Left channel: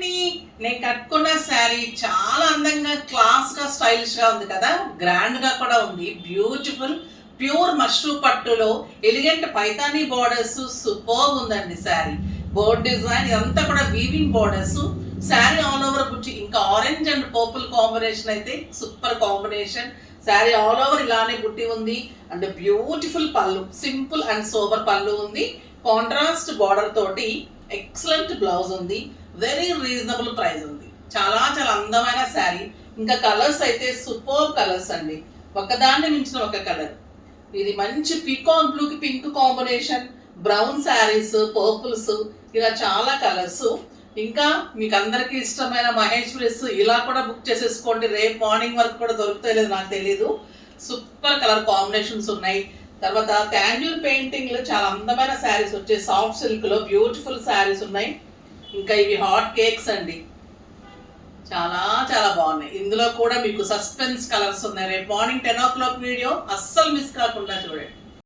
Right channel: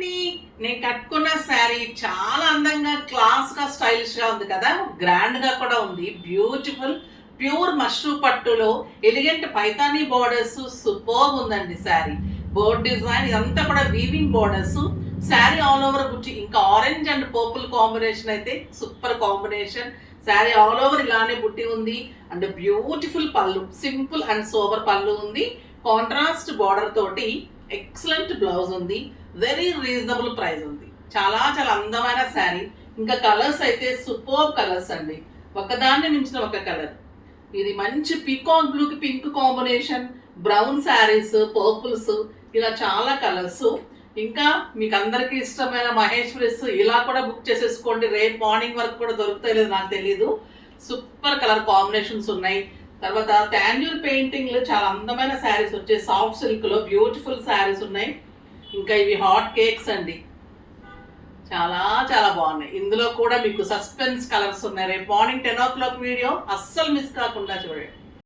అండి, నేను కట్టుకున్న శారీ చాలా అందంగా క్లాస్ గా స్టైలిష్ గా ఉంది కదా, గ్రాండ్ గా కూడా ఉంది. బ్యూటిఫుల్ ప్యూర్ మష్రూ పట్టులో ఎలిగెంట్ పైతానీ బోర్డర్స్ సూపర్ ఉందండి. శారీ బోర్డ్ డిజైన్ ఇదంతా కూడా weaving borders. Sari all over బుట్టి, ఇంకా ఆరెంజ్ అండ్ పర్పుల్ కాంబినేషన్ అయితే super combination. Sari all over ఇలానే బుట్టి ఉంది అండ్ బ్యూటిఫుల్ పళ్ళు, సింపుల్ అండ్ సోబర్ పళ్ళు ఉంది. కాంట్రాస్ట్ బార్డర్ తోటి ఎక్సలెంట్ బ్లౌజ్ ఉంది. వెరీ రీజనబుల్ ప్రైస్ ఉంది. చాలా చాలా అందమైన శారీ. ఇంకా కలర్స్ అయితే సూపర్ కలర్స్ అండి, ఒకదాన్ని మించిన ఒక కలర్. ఇది మంచి పీకాక్ బ్లూ కి pink combination, brown saris, purples, ఇలా చాలా కలర్స్. ఇంకా మీకు అందరికీ ఇష్టమైన మహేశ్వరీస్ ఇలా కూడా బుక్ చేసేసుకోండి. రేపు మార్నింగ్ వరకు కూడా దొరుకుతాయి లేదు నాకు తెలియదు. సూపర్ కలర్ కాంబినేషన్స్ ఉన్నాయి. తర్వాత టాండ్యూర్ పెయింటింగ్ లో చాలా అందమైన శారీస్ వచ్చాయి. సాఫ్ట్ సిల్క్ లో బ్యూటిఫుల్ శారీస్ ఉన్నాయి. ఇంకా ఇవి హాట్ కేక్స్ అండి, చాలా చాలా బాగున్నాయి. ఇందులో కూడా మీకు సస్పెన్స్ కలర్స్ ఉన్నాయి. రేపు మార్నింగ్ 10 o'clock వీడియో అస్సలు మిస్ కాకుండా చూడండి.